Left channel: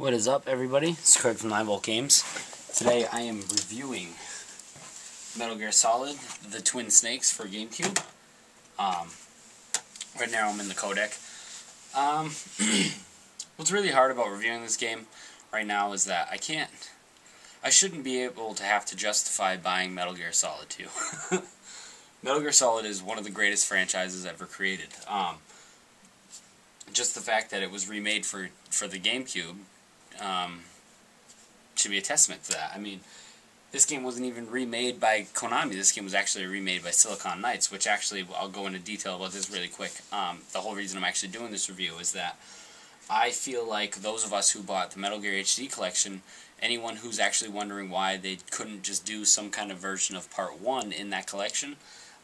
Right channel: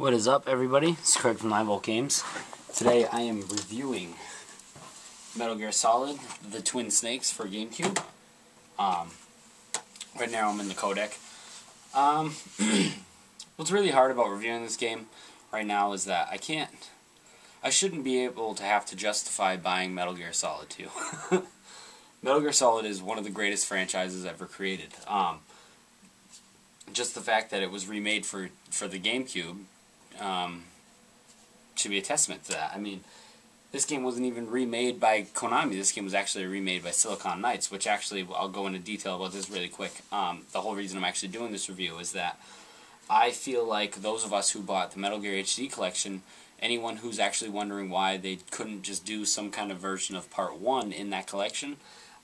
What is up, everybody? It's Kurt from 9V Games. Today I am reviewing Metal Gear Solid, the Twin Snakes for Gamecube. Right now I'm in the codec. What's really hard about reviewing this game right now is that I shouldn't be able to have to justify buying Metal Gear Solid 2. Metal Gear Solid is one of the greatest franchises ever created. Just the fact that it was remade for the Gamecube should be a testament to that. I mean, this game wasn't even remade by Konami. This game was actually remade by Silicon Knights, which actually, I'll go into detail about this really quick. The whole reason I'm actually doing this review is that I feel like those of us who bought the Metal Gear HD collection, anyone who's actually wondering why they couldn't just do some kind of version of Part 1 in that collection,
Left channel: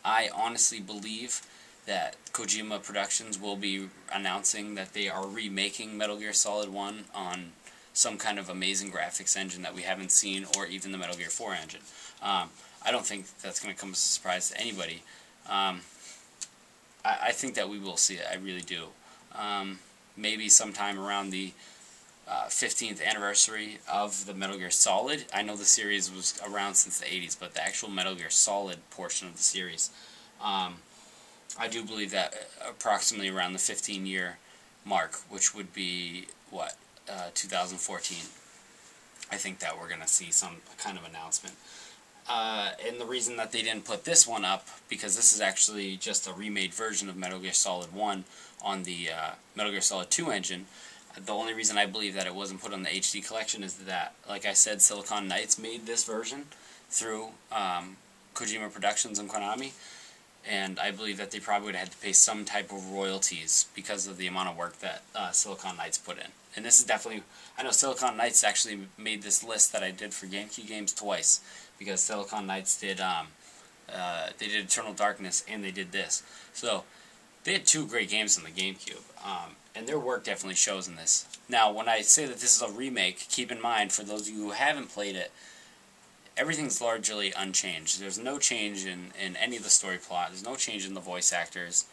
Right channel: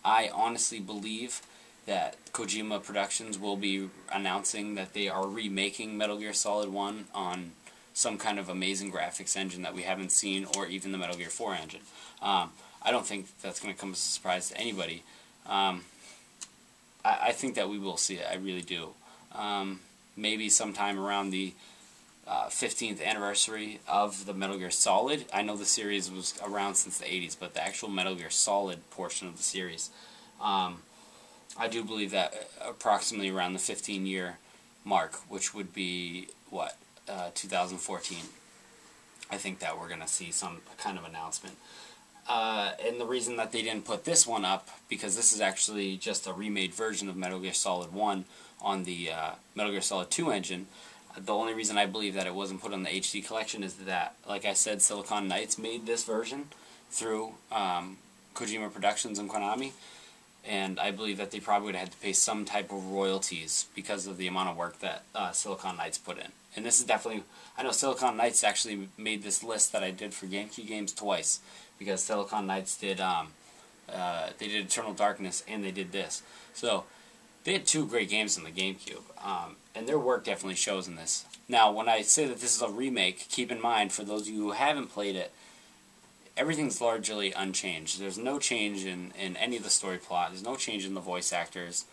I honestly believe that Kojima Productions will be announcing that they are remaking Metal Gear Solid 1 on some kind of amazing graphics engine that we haven't seen, or even the Metal Gear 4 engine. I don't think that's going to come as a surprise to anybody. I think that we will see it. I really do. Maybe sometime around the 15th anniversary of the Metal Gear Solid. I know the series was around since the 80s, but the actual Metal Gear Solid portion of the series, I do believe that approximately around the 15-year mark, which would be, 2014. I think that we're going to see some kind of announcement. And the reason that they didn't put this one up, because this is actually just a remade version of Metal Gear Solid 1 on the Metal Gear Solid 2 engine. The only reason I believe that it wasn't put on the HD collection is that, like I said, Silicon Knights made this version through Kojima Productions and Konami, and I believe that they probably would have had to pay some type of royalties because of the amount of work that Silicon Knights put in. And this is definitely, I know Silicon Knights actually made this list that I did for GameCube games twice, because Silicon Knights did, they did Eternal Darkness and they did this. So they had two great games in the GameCube, and their work definitely shows in this. Now, when I say that this is a remake, keep in mind, for those of you who haven't played it, everything's largely unchanged. There's no change in any of the story plot. There's no change in the voice actors.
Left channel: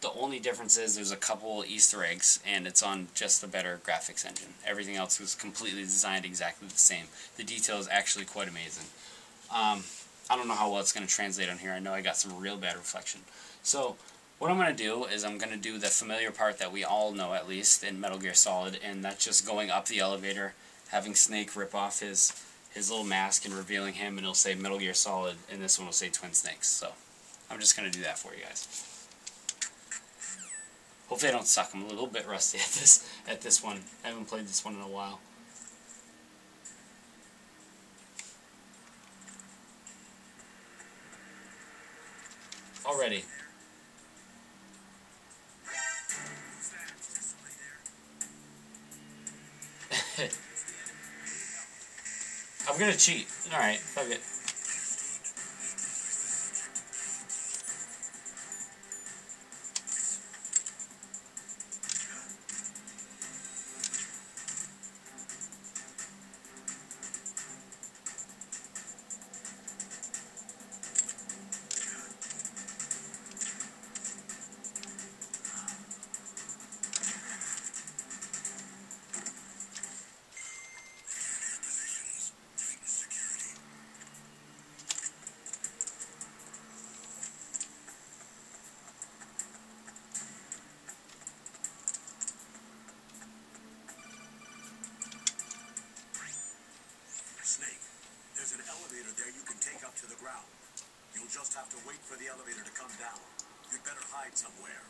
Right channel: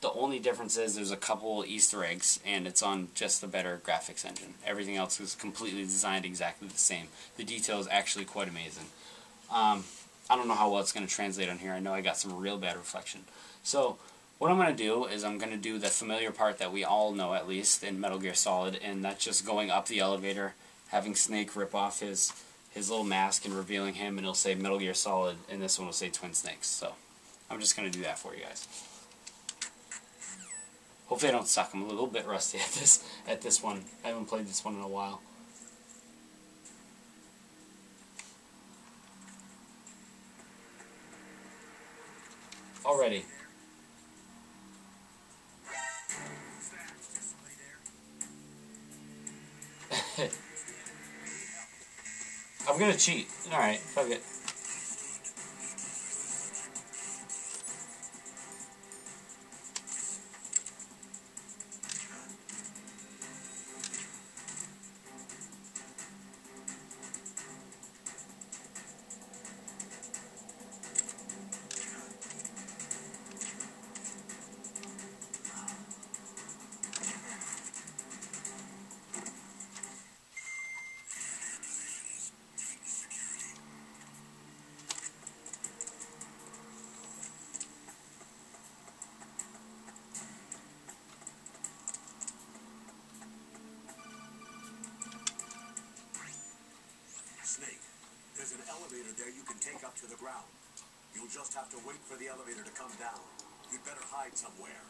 The only difference is there's a couple Easter eggs, and it's on just a better graphics engine. Everything else is completely designed exactly the same. The detail is actually quite amazing. I don't know how well it's going to translate on here. I know I got some real bad reflection. So what I'm going to do is I'm going to do the familiar part that we all know, at least, in Metal Gear Solid, and that's just going up the elevator, having Snake rip off his little mask and revealing him, and it'll say Metal Gear Solid, and this one will say Twin Snakes. So I'm just going to do that for you guys. Hopefully I don't suck. I'm a little bit rusty at this one. I haven't played this one in a while. Already. I'm gonna cheat. Alright, fuck it. Snake, there's an elevator there you can take up to the ground. You'll just have to wait for the elevator to come down. You'd better hide somewhere.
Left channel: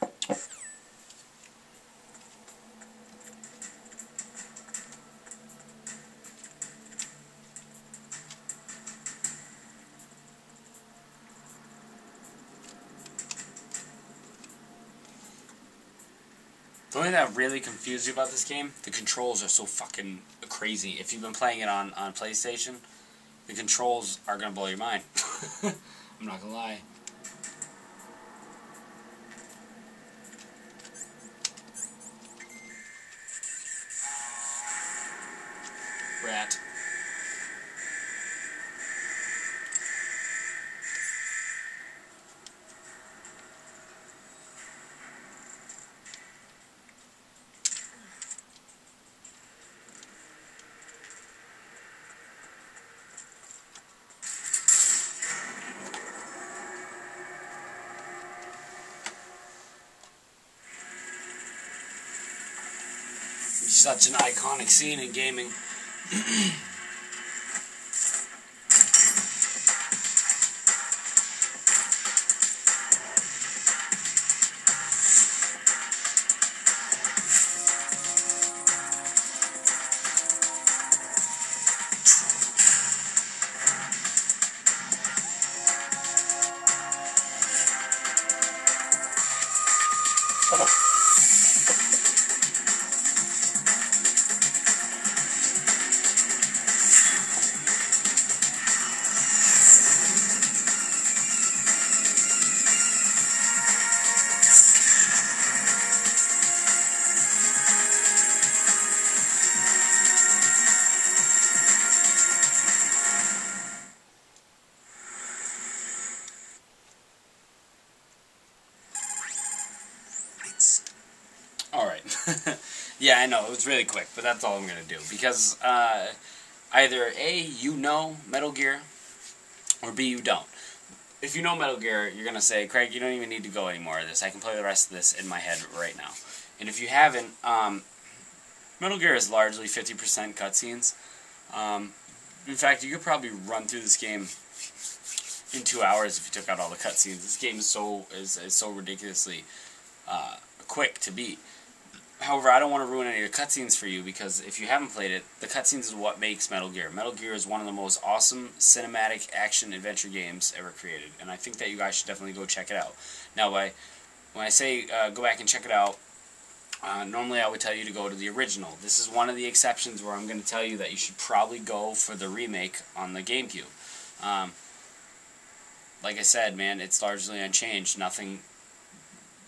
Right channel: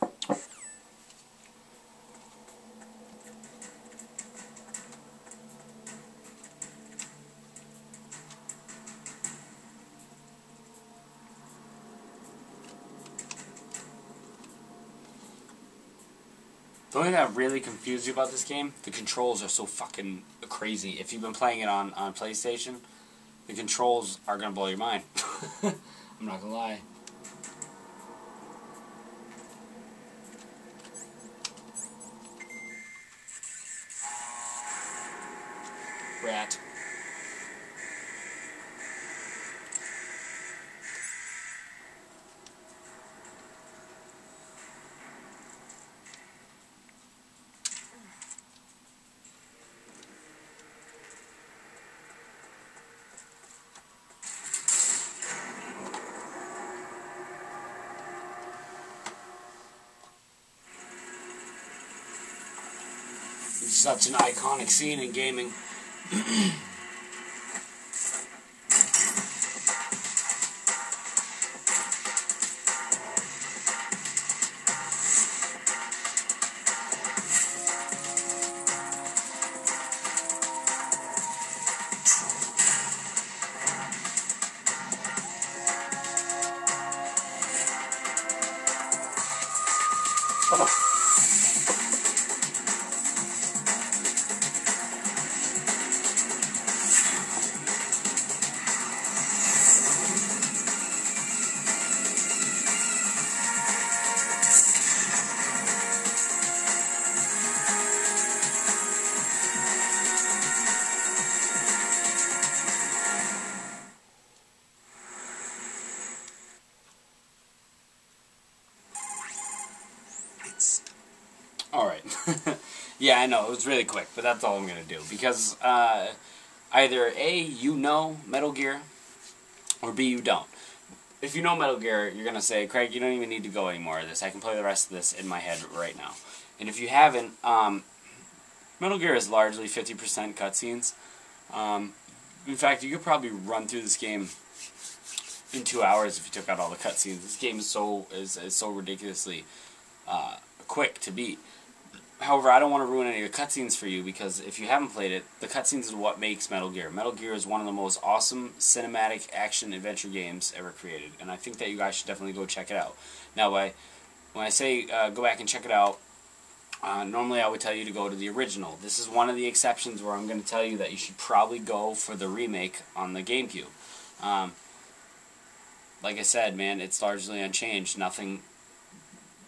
The only thing that really confused you about this game, the controls are so fucking crazy. If you've been playing it on PlayStation, the controls are going to blow your mind. I'm not going to lie. Rat. Such an iconic scene in gaming. Alright. Yeah, I know, it was really quick, but that's all I'm going to do. Because either A, you know Metal Gear, or B, you don't. If you know Metal Gear, you're going to say, Craig, you don't even need to go any more of this. I can play the rest of this in my head right now. And if you haven't, Metal Gear is largely 50% cutscenes. In fact, you could probably run through this game in 2 hours if you took out all the cutscenes. This game is so ridiculously quick to beat. However, I don't want to ruin any of the cutscenes for you, because if you haven't played it, the cutscenes is what makes Metal Gear. Metal Gear is one of the most awesome cinematic action-adventure games ever created, and I think that you guys should definitely go check it out. Now, when I say go back and check it out, normally I would tell you to go to the original. This is one of the exceptions where I'm going to tell you that you should probably go for the remake on the Gamecube. Like I said, man, it's largely unchanged. Nothing...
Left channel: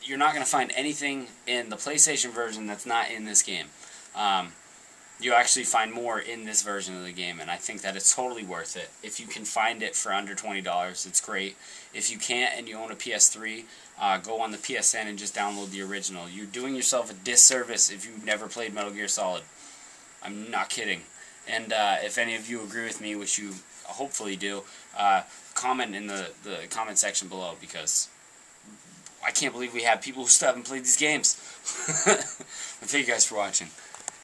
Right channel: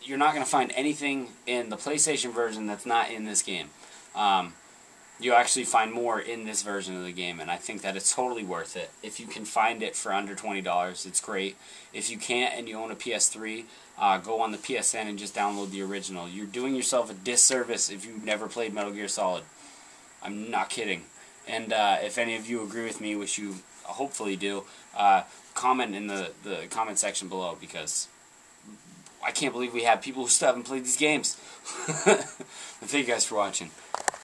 You're not going to find anything in the PlayStation version that's not in this game. You actually find more in this version of the game, and I think that it's totally worth it. If you can find it for under $20, it's great. If you can't and you own a PS3, go on the PSN and just download the original. You're doing yourself a disservice if you've never played Metal Gear Solid. I'm not kidding. And if any of you agree with me, which you hopefully do, comment in the comment section below, because I can't believe we have people who still haven't played these games. Thank you guys for watching.